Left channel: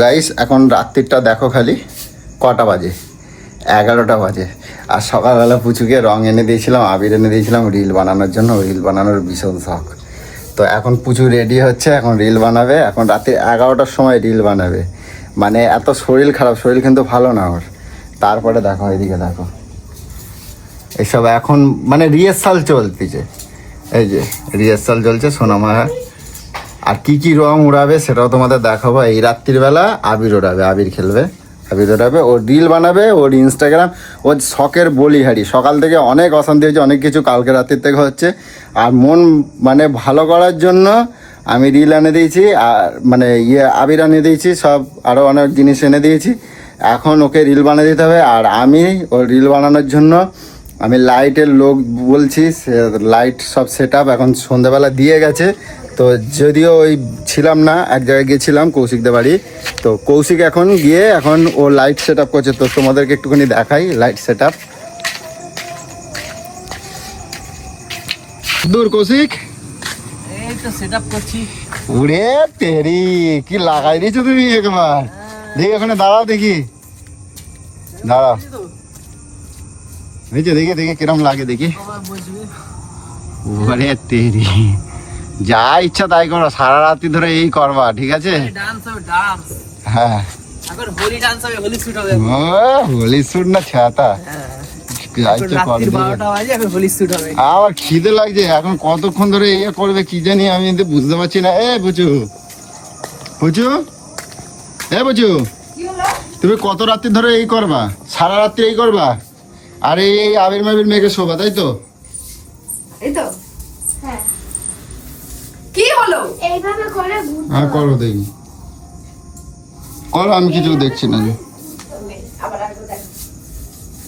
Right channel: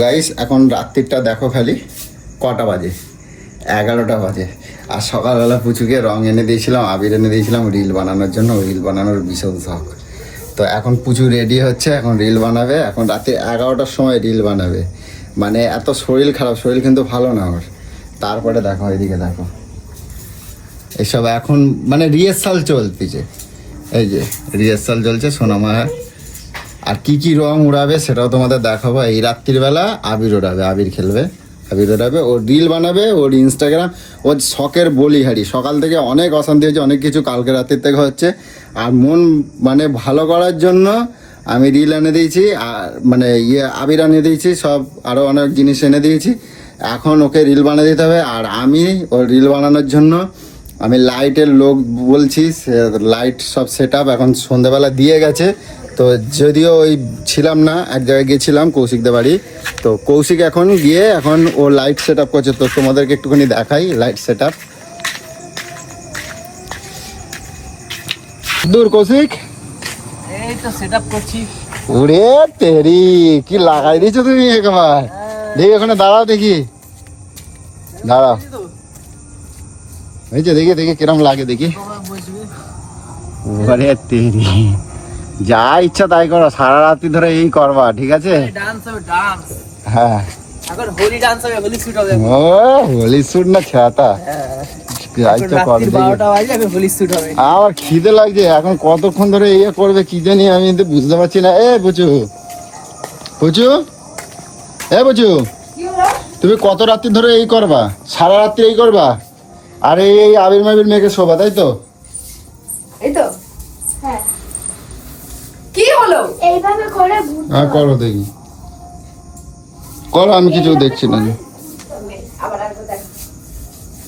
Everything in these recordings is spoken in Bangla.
গাইস এখন রাত্রিটা দেখো খালি কটা বাজে? এগারোটা বাজে। আর সকালবেলা পুচুকে রং এনে দিয়েছিলাম, আবির এনে দিয়েছিলাম, রিল বানানোর জন্য। রিল বানানোর ভীষণ শখ। তো এখন পুচু রেডি হচ্ছে, এখন রিল বানাবে। এখন রাতে এগারোটার সময় রিল বানাবে। মানে এত শরীর খারাপ, শরীর কিন্তু ভালো না ওর। তারপরে দেখো, এদিকে দেখো। এসব এখন মানে রিহার্সাল চলতেছে। এই যে রিহার্সাল চলছে, সোনামা আর কি কি রং উড়াবে সেটাও তোমাদের দেখাবো। এই রাত্রির বেলা আবির ওড়াবে আবির খেলবে, আবির ওড়াবে ও রিল বানাবে, ওর ইনস্টাগ্রাম ওর শখের বলিহারি। সকাল থেকে অনেক অশান্তি হয়েছে, অনেক কিছু কালকে রাত্রির থেকে হচ্ছে। আর মন মানে ভালো করার জন্য আমি রিল এনে দিয়েছি, আর মানে ইয়ে আবির এনে দিয়েছি, সব আরও অনেক জিনিস এনে দিয়েছি। এখন ওকে রিল বানিয়ে দিতে হবে, আর আমি ওর রিল বানানোর জন্য আমি লাইটের লোক বলছি লাইট সব সেট এখন সন্ধ্যাবেলা দিয়ে গেছে। তো যদিও ওই ছিলাম না এক জায়গায় গিয়েছিলাম কৌশিকদের বাড়ি। তো কৌশিক এখন গিয়ে এখন ও লাইট সেট আপ করছে। তো তোমাদেরকে একটুখানি দেখাই লাইট সেট আপ দূর কৌশিক। এই তো সেট আপ করছি। ওরে তেরি কি লাগাই তুমি একবার দেখি ওখানে দাঁড়াও দেখি। দাঁড়াও। এই যে দেখি দেখি কিরম লাগে দেখি। ওরে তেরি। যা ইচ্ছা তাই করো সারা রাত্রি ধরে এই করবা ঠিক আছে? ডান্স হবে ডান্স হ্যাঁ। এখন হোলি ডান্স হবে হোলি শুট হবে। হোলি না ছাতা হ্যাঁ, শুট আমার খিদে লাগছে এখন কতক্ষণ ধরে ইয়ে করবে কি জানি আমি তো বুঝতে পারছি না। এ বুঝু বুঝু এ বুঝু তুমি কত রাত্রি ধরে এই করবা? সারা রাত্রি এই করবা? আর এই আবির মাবির মেয়েকে শোভা তাই তো? হ্যাঁ করো দেখি। করো আমি কিছু দেখছি না। দেখ।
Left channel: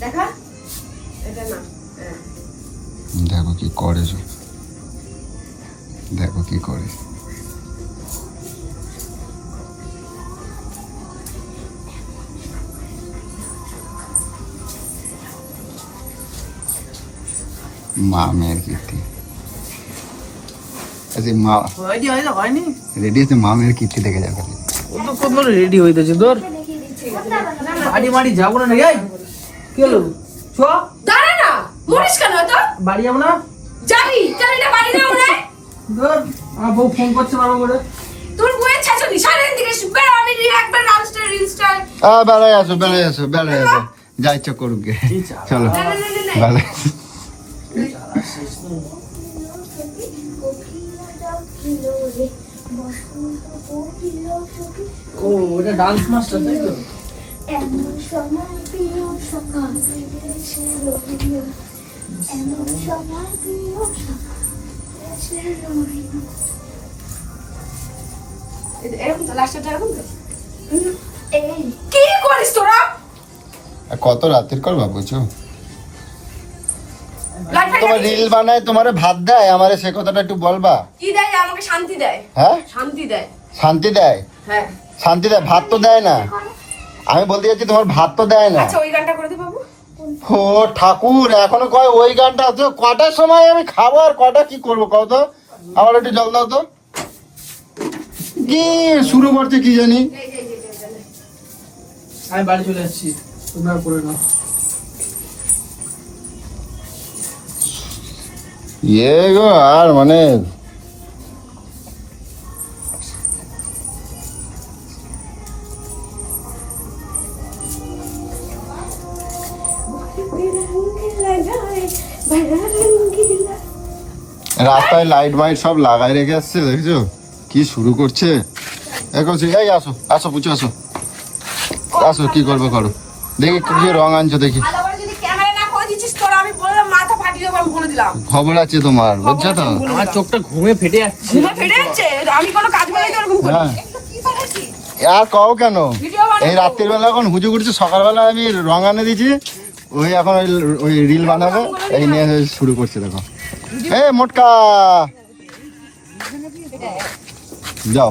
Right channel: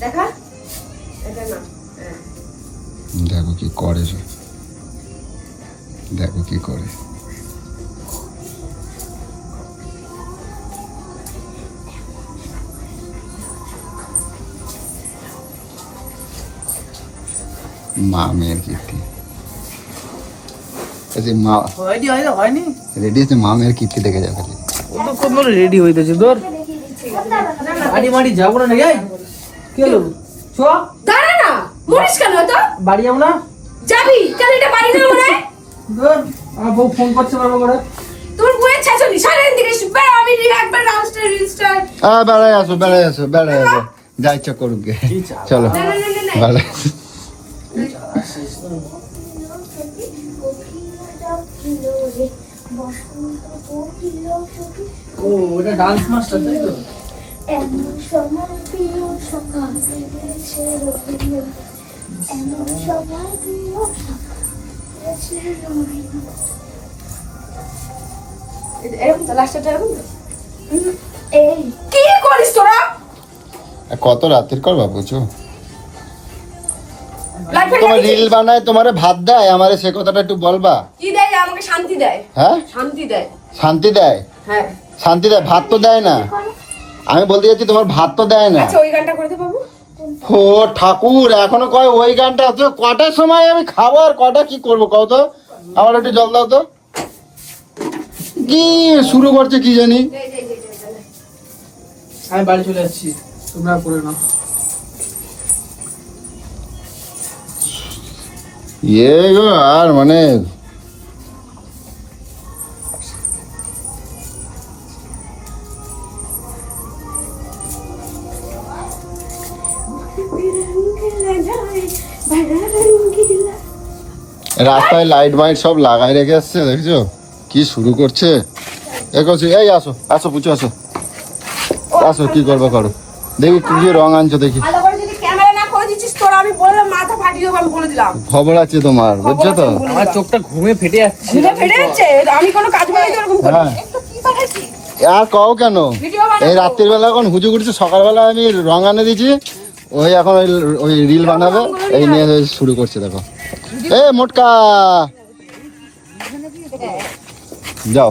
হ্যাঁ। দেখো কি করে দেখো কি করে। মা মেয়ের কীর্তি। মা হয়নি হয়নি। রেডি আছে মা মেয়ের কীর্তি দেখে যাবে ও তো কত রেডি হইতেছে তোর বাড়ি মাড়ি যাব না নাকি কি হলো চ দাঁড়া না মরিস কেন তো বাড়ি যাব না যাবি কেন এটা বাড়ি না মনে হয়? ধর আমার বউ ফোন করছে বারবার করে তোর বইয়ের ছাচলি সারাদিন থেকে বেড়া আমি একবার রামস্টার রিলস্টার হ্যাঁ বেড়াই আসো বেড়াই আসো বেড়াই আসো যা ইচ্ছা করুক গে? চলো না না ও ওটা ডান্স মাস্টার তাই তো? এমন সময় প্রিয় সকাল এমন সময় প্রিয় সকাল এরকম তো লাস্টটা এরকম তো? এই। কি করিস তোরা? কত রাত্রির করবা বুঝছ? রিল বানায় তোমারে ভাত দেয় আমাদের সে কথাটা একটু বলবা? কি দেয়? আমাকে শান্তি দেয়। হ্যাঁ? শান্তি দেয়। শান্তি দেয়? হ্যাঁ। শান্তি দেয় ভাত তো দেয় না। আমি বলতে চাচ্ছি তোমার ভাত তো দেয় না। আচ্ছা ওই গানটা করে দে বাবু। ও ঠাকুর এখনও কয় ওই গানটা তো কটার সময় আমি খাব আর কটা কি করব কও তো? আমার একটু জল দাও তো। কি শুরু করছে কি জানি। আমি বাড়ি চলে যাচ্ছি তোমরা করে নাও ইয়ে গো, আর মানে রাস্তায় লাইট মাইট সব লাগাই রেখে এসছে দেখছ? কি শুরু করছে? করছে, এই আসো আসো, পুচো, আসো। আসো, কি করব করো? দেখি কি রং আনছো দেখি ভালো করে যদি ক্যামেরা না করে দিচ্ছিস তোরা আমি বললাম মাথা ফাটিয়ে আমি বলে দিলাম। খবর আছে তোমার বুঝছ তো? বলে আমার চোখটা ঘুমে ফেটে যাচ্ছে। ঘুমে ফেটে যাচ্ছে আমি কোনো কাজ বলেই তো এরকম করি। হ্যাঁ। একটু কি বানাইছিস? আর কও কেন? এই রাত্রির বেলা এখন হুজু করছে সকালবেলা আমি রং আনে দিয়েছি ওই এখন ওই ওই রিল বানাবে এই নিয়ে শুরু করছে দেখো। এ মোটকা! যাও।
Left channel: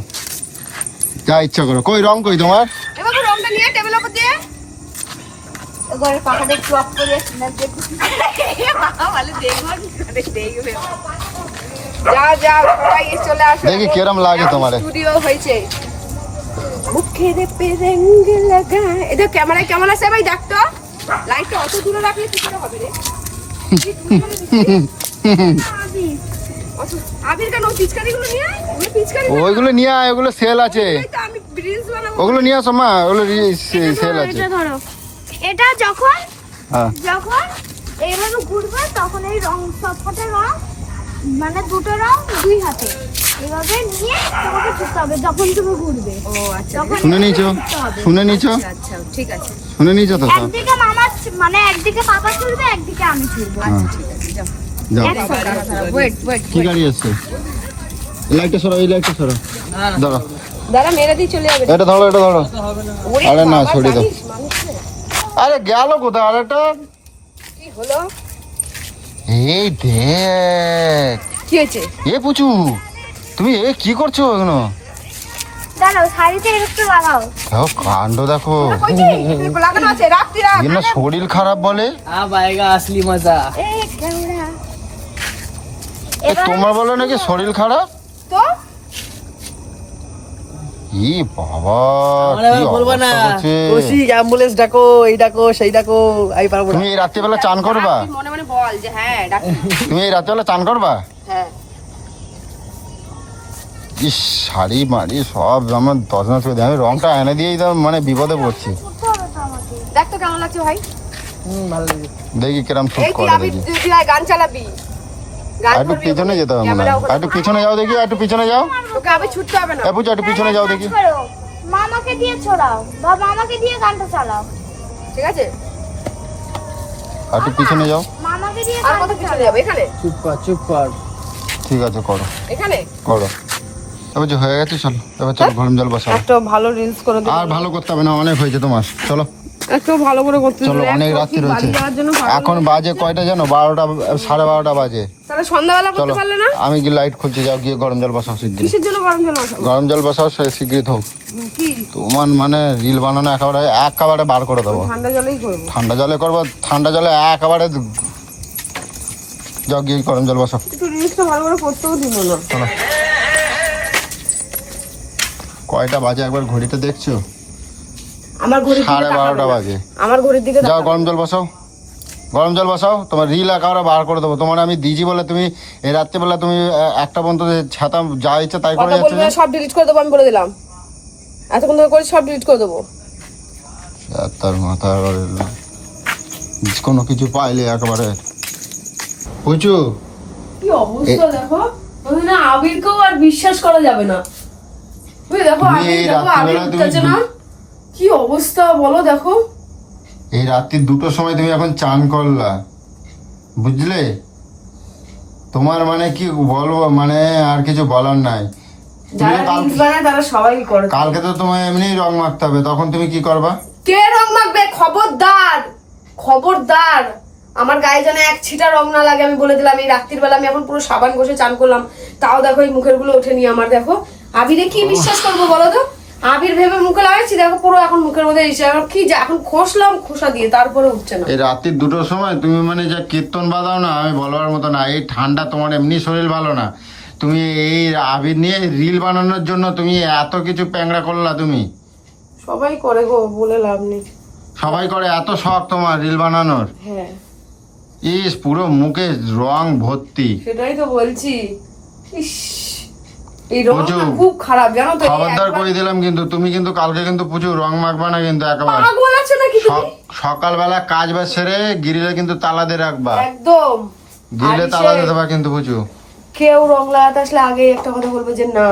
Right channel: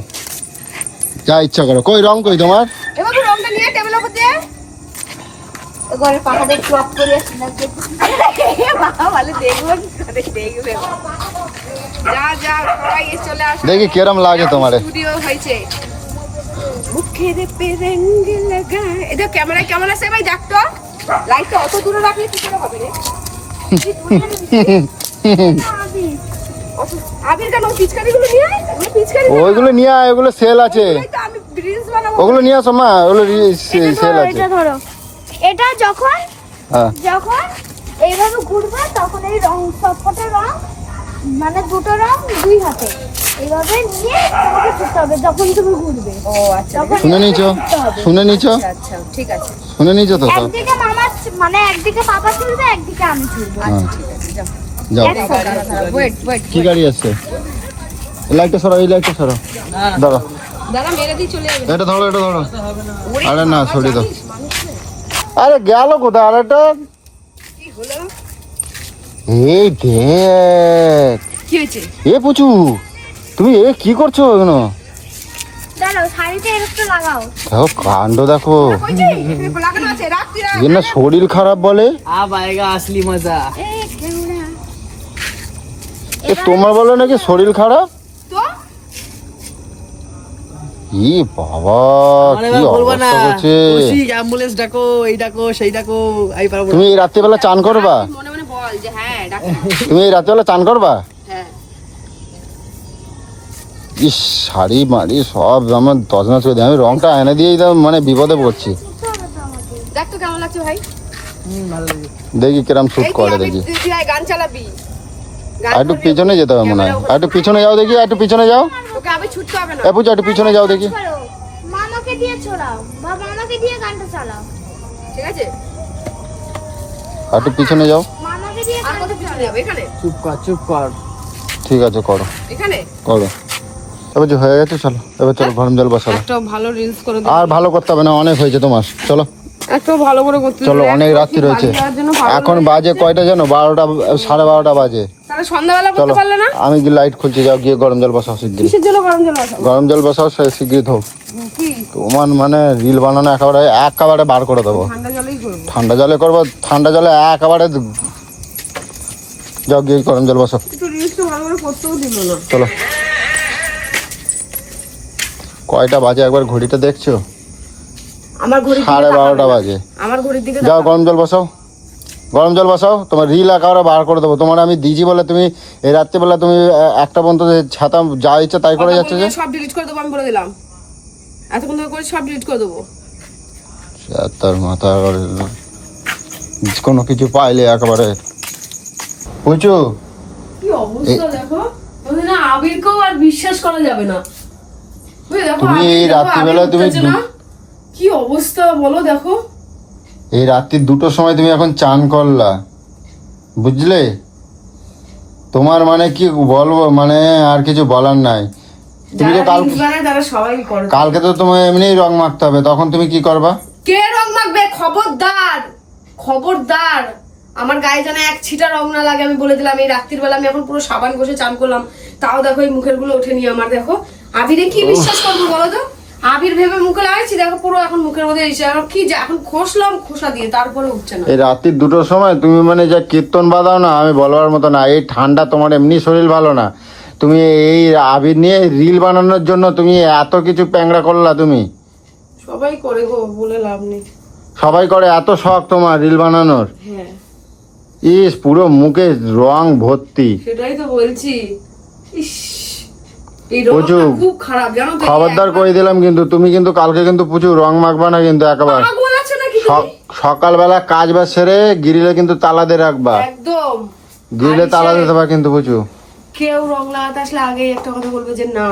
যা ইচ্ছা করো। কই রং কই তোমার? এবার রংটা নিয়ে টেবিলের উপর দিয়ে। ঘরে পাহাড়ে ক্লক করে মা বলে দেখব কি করে দেখবে এবার। যাও যাও সবাই চলে আসো। দেখি কিরম লাগে তোমারে। হয়েছে। মুখের পে রঙ লাগা এটা ক্যামেরায় কেমন আছে ভাই? দেখ তো। লাইটটা অত দূরে রাখলে কি করে হবে রে? আবির কেন পিচকারি নিয়ে আয়। ওগুলো পিচকারি ওইগুলো নিয়ে আয় ওগুলো সেল আছে। আমি রিলস বানাবো। ওগুলো নিয়ে আসো মা ওগুলো সেল আছে। এটা ধরো। এটা যখন হ্যাঁ। যখন এইভাবে ঘুরবে তখন এই রং সবকটা রং মানে দুটো রং দুই হাতে। এইভাবে নিয়ে তোমাকে ছুটতে হবে যখন তুমি ঘুরবে। ও আচ্ছা শুনে নিছো শুনে নিছো আচ্ছা আচ্ছা ঠিক আছে। শুনে নিছো তো একদিকে মামা মানে একদিকে পাপা ছুটবে একদিকে আমি ছুটবো হুম, ঠিক আছে যাও। যাও। ওয়েট ওয়েট কি গাড়ি আসছে? লাইটটা সরো এই লাইটটা সরো দাঁড়া দাঁড়া মেরে দিয়ে চলে যাবে। এটা ধরো এটা ধরো। আরে না, সরিয়ে দাও। আরে গেল কোথায়? আরেকটা কি হলো? এই কি হয়েছে? এ পুচু তুমি এ কি করছ কেন দেখো। শরীর খারাপ বলে? আ আসলি মজা। তোমার বলে নাকি শরীর খারাপ? ই বাবা আমার এবার বলব না। কৌশিক অ্যাম্বুলেন্স ডাকো এই ডাকো সেই ডাকো আমি পারব না। তুমি রাত্রিবেলা চান করবা? মনে মনে বল যে হ্যাঁ তুমি এই রাত্রিবেলা চান করবা? হ্যাঁ। ইস শাড়ি মাড়ি সব আমার আমি রংটা এনে দিয়েই তো মানে বিপদে পড়ছি। ছুটতে হবে তো আমাকে দেখ তো কেমন লাগছে ভাই। হুম ভালো লাগে দেখি কিরম শুট করে দেখি। গান চালাবি। একটু পিছনে যেতে হবে ওখানে। একটু পিছনে যাও দেখি একটু পিছনে যাও। তোকে আবার ছুটতে হবে না। এ একটু পিছনে যাও দেখি। মামাকে দিয়ে ছড়াও। বা মামাকে দিয়ে গানটা চালাও। ঠিক আছে? একটু পিছনে যাও। মামাকে দিয়ে আর কত পিছনে যাবে? এখানে? চুপ কর চুপ কর। ঠিক আছে করো। এখানে? করো। এবার যে হয়ে গেছে চলো। গরম জল বসাও। একটা ভালো রিলস করে দিবি। আর ভালো করতে হবে না অনেক হয়েছে তোমার। চলো। একটা ভালো করে করতে চলো অনেক রাত্রি এখন বাজে কয়টা জানো? বারোটা সাড়ে বারোটা বাজে। তাহলে সন্ধ্যাবেলা করতে চলো পারলে না? আমি কি লাইট খুলছি যাও গিয়ে গরম জল বসাও শিগগিরি কিসের জন্য গরম জল বসাবো? গরম জল বসাও সে শিগগিরি হোক তোমার মানে রিল বানানো একেবারে একেবারে বার করে দেবো। ঠান্ডা জলেই করব। ঠান্ডা জলে করব ঠান্ডা জলে একেবারে যাও গিয়ে গরম জল বসাও। একটু রিলসটা ভালো করে করতেও দিল না। চলো। কয়টা বাজে একবার ঘড়িটা দেখছ? আমার ঘড়ির দিকে সাড়ে তাকাবে বারোটা না। বাজে। আমার ঘড়ির দিকে যাও গরম জল বসাও। গরম জল বসাও তোমার রিল একেবারে বার করে দেবো। তোমার আমি দিজি বলে তুমি এই রাত্রেবেলা তুমি একটা পর্যন্ত ছাতা যা ইচ্ছা তাই করে যাচ্ছে সব ডিলিট করে দেবো আমি বলে দিলাম। এতক্ষণ ধরে করে সব ডিলিট করে দেবো। তার মাথা কোনো কিছু পাইলে একেবারে। বুঝছ? কি অবস্থা দেখো? আবিরকেও আর বিশ্বাস করা যাবে না। তুমি দেখো তুমি আবির দেখো আবির রাত্রিবেলা তুমি না। কি অবস্থা বলো দেখো। এই রাত্রি দুটোর সময় তুমি এখন চান করলা। বুঝলে? তোমার মানে কি বলব? মানে আর কিছু বলার নাই। যারা রিলস বানায় তারা সবাই করে কালকে তো তোমার এমনি রং মাখতে হবে তখন তুমি কি করবা? কে রং মাখবে? খবরদার! খবরদার! আমার গায়ে যেন এক ছিটা রং না লাগে আমি বলে দিলাম এই রাত্রির বেলা আমি এখন পুরো সাবান ঘষে চান করলাম। তাও দেখো এই মুখেরগুলো ওঠেনি আমার দেখো। আবিরে কি বিশ্বাস করব বলো তো? আবির ভেবে মুখে লাগাইছি দেখো পুরো এখন মুখের মধ্যে এসে এখন কি যা- এখন খসলাম খোসা দিয়ে তারপরে উঠছে না। এই রাত্রি দুটোর সময় তুমি মানে যা কীর্তন বাজাও না আমি বলবার মতো না এই ঠান্ডা তোমার এমনি শরীর ভালো না। তুমি এই আবির নিয়ে রিল বানানোর জন্য তুমি এত কিছু প্যাংরা করলা তুমি। সবাই করে গো বলে লাভ নেই। সবাই করে এত শখ তোমার রিল বানানোর। হ্যাঁ। ইস পুরো মুখে রং ভর্তি। সেটাই তো বলছি। ইস। এই রংটা খুব খারাপ জানো তো খবরদার করে দিলাম কিন্তু তুমি কিন্তু কালকে কিন্তু প্রচুর রং মাখবা না কিন্তু একেবারে। পাগল আছে নাকি তুমি? সকালবেলা কাজ বাজ সেরে গিরিলে কিন্তু তালা দিয়ে রাখবা। একদম। গিরিলে তালা দিয়ে দেবা কিন্তু প্রচুর। কেউ রং লাগাতে আসলে আগে একটা কথা বলবে যে না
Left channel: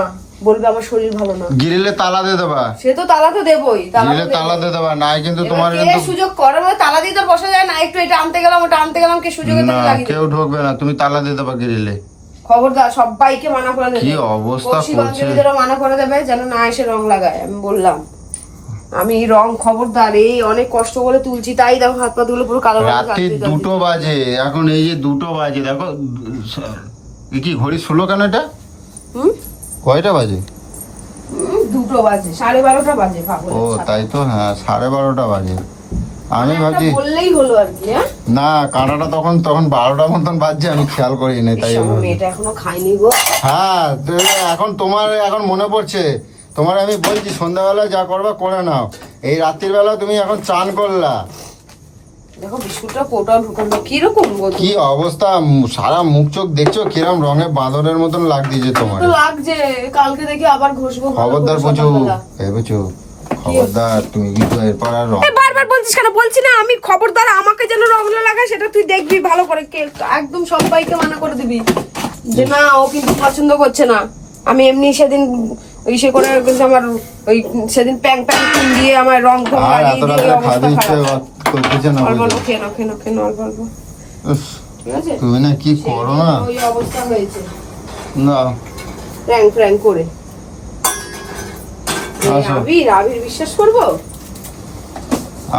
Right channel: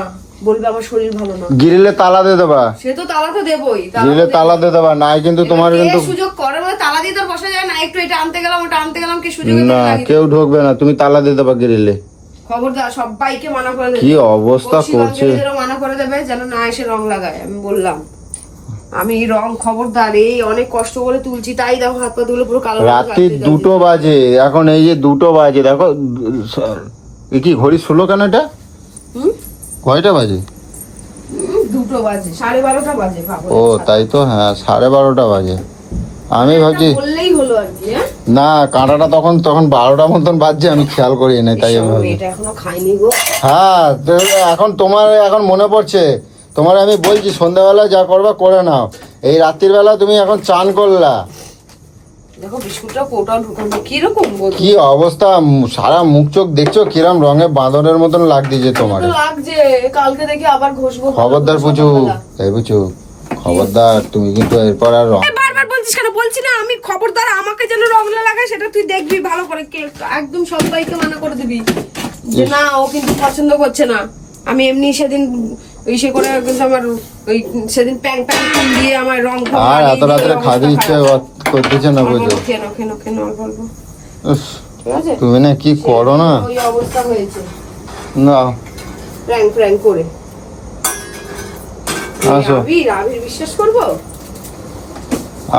বলবে আমার শরীর ভালো না। গিরিলে তালা দিয়ে দেবা। সে তো তালা তো দেবই তো গিরিলে তালা দিয়ে দেবা নাই কিন্তু তোমার কিন্তু সুযোগ করে? মানে তালা দিয়ে তো বসা যায় না একটু এটা আনতে গেলাম ওটা আনতে গেলাম কে সুযোগে পেলে না কেউ। ঢুকবে না তুমি তালা দিয়ে দেবা গিরিলে। খবরদার সবাইকে মানা করে দেবে। কি অবস্থা করছে যেন মানা করে দেবে যেন না এসে রং লাগায় আমি বললাম। আমি রং খবরদার এই অনেক কষ্ট করে তুলছি তাই দেখো হাত পা তুলে পুরো কালো রাত্রি দুটো বাজে এখন এই যে দুটো বাজে দেখো এ কি ঘড়ি শুলো কেন এটা? হুম? কয়টা বাজে? দুটো বাজে সাড়ে বারোটা বাজে ও তাই তো হ্যাঁ সাড়ে বারোটা বাজে। আমি ভাবছি বললেই হলো আর কি হ্যাঁ? না কাঁটাটা তখন তখন বারোটা মতন বাজছে আমি খেয়াল করি নাই তাই এখনও খাইনি গো। হ্যাঁ এখন তোমার এখন মনে পড়ছে? তোমার আমি বলছি সন্ধ্যাবেলা যা করবা করে নাও। এই রাত্রির বেলা তুমি এখন চান করলা। দেখো বিস্কুটটা ঢুকানো কীরকম কি অবস্থা সারা মুখ চোখ দেখছ কিরম রঙে বাঁদরের মতন লাগছে তোমার? লাগছে কালকে দেখি আবার ঘষবো খবরদার এই খবরদার তুমি কিন্তু এরপর আর বারবার বলছিস কেন? বলছি না আমি খবরদার আমাকে যেন রং না লাগায় সেটা তুই দেখবি ভালো করে। কে একদম সবাইকে মানা করে দিবি। যে না ও কিন্তু পছন্দ করছে না। আমি এমনি সেদিন ইসে করে কিন্তু আমার ওই সেদিন প্যাং প্যাং ফুল দিয়ে আমার রং ফং লাগিয়ে দিয়ে অবস্থা খারাপ। অল্প অল্প খেয়ে নাও খেয়ে নাও খেয়ে নাও অল্প অল্প ঠিক আছে? তুমি না কি করো না? ওই অবস্থা হয়েছে। না। প্র্যাং প্র্যাং করে। আবির আবির বিশ্বাস করব?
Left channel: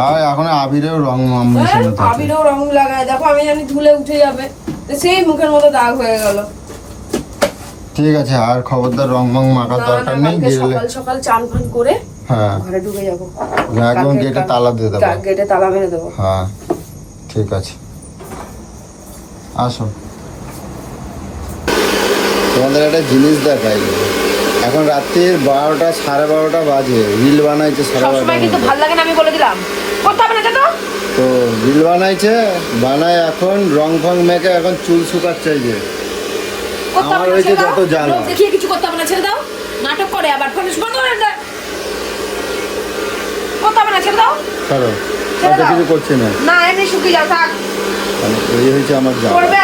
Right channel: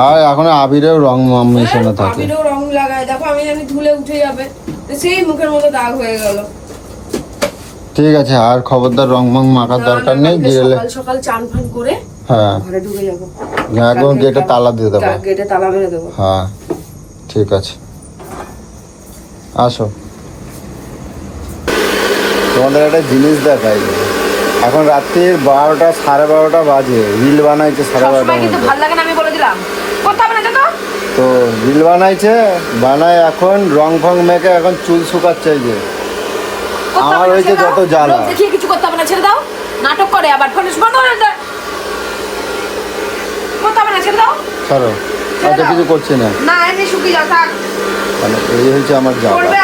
আর এখন আবিরেও রং হ্যাঁ, মেশানো থাকে। আবিরও রং লাগায়। দেখো আমি জানি ধুলে উঠে যাবে। তো সেই মুখের মতো দাগ হয়ে গেল। ঠিক আছে আর খবরদার রং মং মাখার দরকার নেই গেলে সকাল সকাল চান ফান করে হ্যাঁ। ঘরে ঢুকে যাব। একদম গেটে তালা দিয়ে দেবো। গেটে তালা মেরে দেবো। হ্যাঁ ঠিক আছে। আসো। তোমাদের একটা জিনিস দেখাই। এখন রাত্রির বারোটা সাড়ে বারোটা বাজে। রিল বানাইছে সাড়ে বারোটা তো? রিল বানাইছে বানায় এখন রং ফং মেখে এখন চুল শুকাচ্ছে যে। আমার হয়েছে যত জ্বালা। দেখিয়ে কিছু করতে হবে না ছেড়ে দাও। নাটক করে আবার। ফোন বন্ধ করে দেয় করতে হবে না ছেড়ে দাও। আচ্ছা কিছু করছে না। না এমনি শুকিয়ে যাও থাক। এই হয়েছে আমার জ্বালা। করবে